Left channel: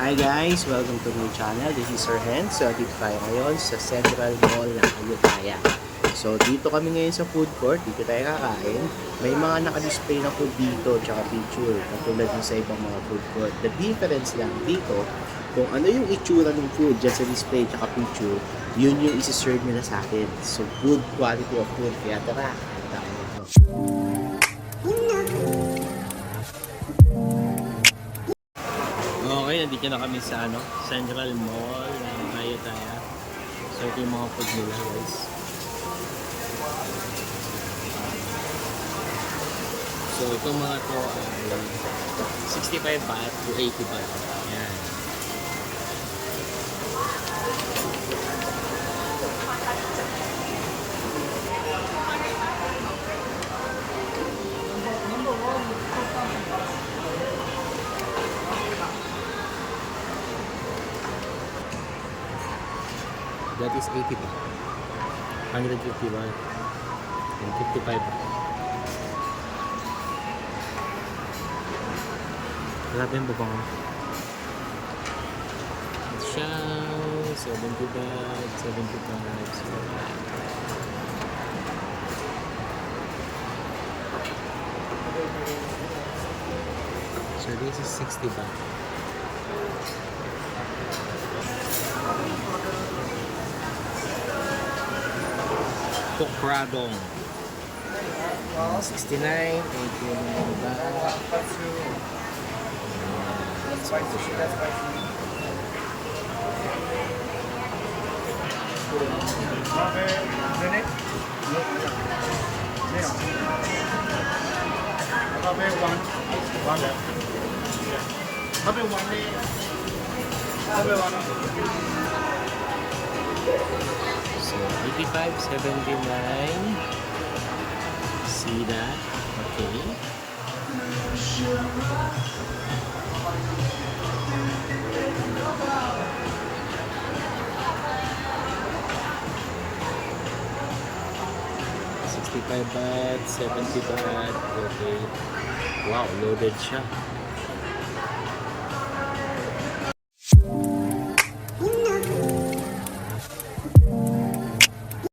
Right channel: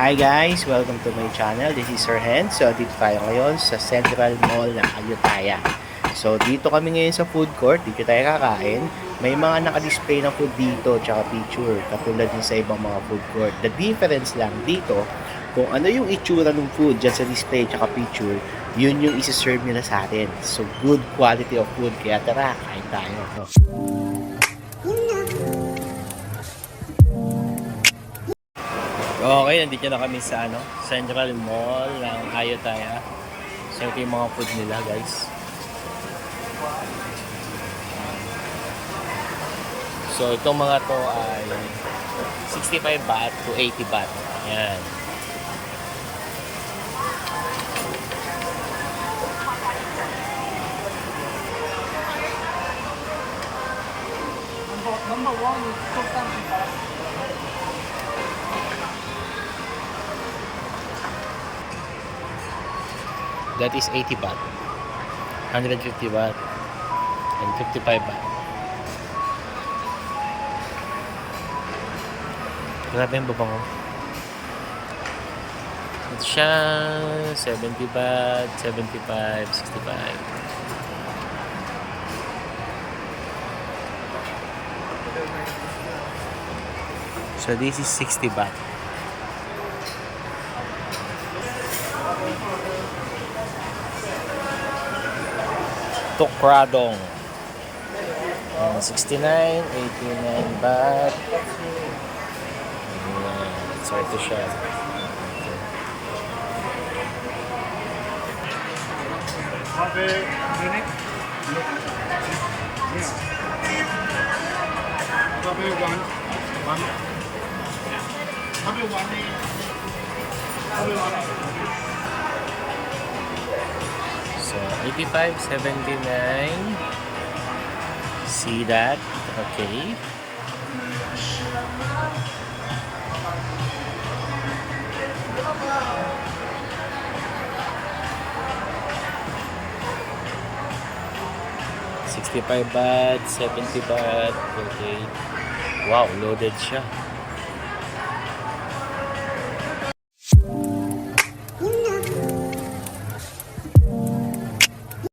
Hi guys! Welcome to my channel. This is Sir Hen. So dito tayo ngayon sa Central Mall ng Ayutthaya. So dito kami ngayon sa food court. Dito tayo kakain. May mga naka-display na food dito tsaka picture katulad ng sa ibang mga food court. The difference lang dito kung ano yung itsura ng food dyan sa display tsaka picture, yun yung isi-serve nila sa atin. So good quality of food. Kaya tara, kain tayo. Okay, nandito na kami sa Central Mall ng Ayutthaya. So ito yung mga food nila, guys. So itong mga to ay 65 baht to 80 baht. Yan. That is 80 baht. 150 baht. And 55 baht. Grabe yung babango. Ito siya. 70 baht. 75. 65. So this is 60 baht. Tokradong. 69, 89 baht. Ayan. So ito siya. So 85, 79. See that? Okay. $65 baht, 70 baht. Okay. Wow, loaded siya.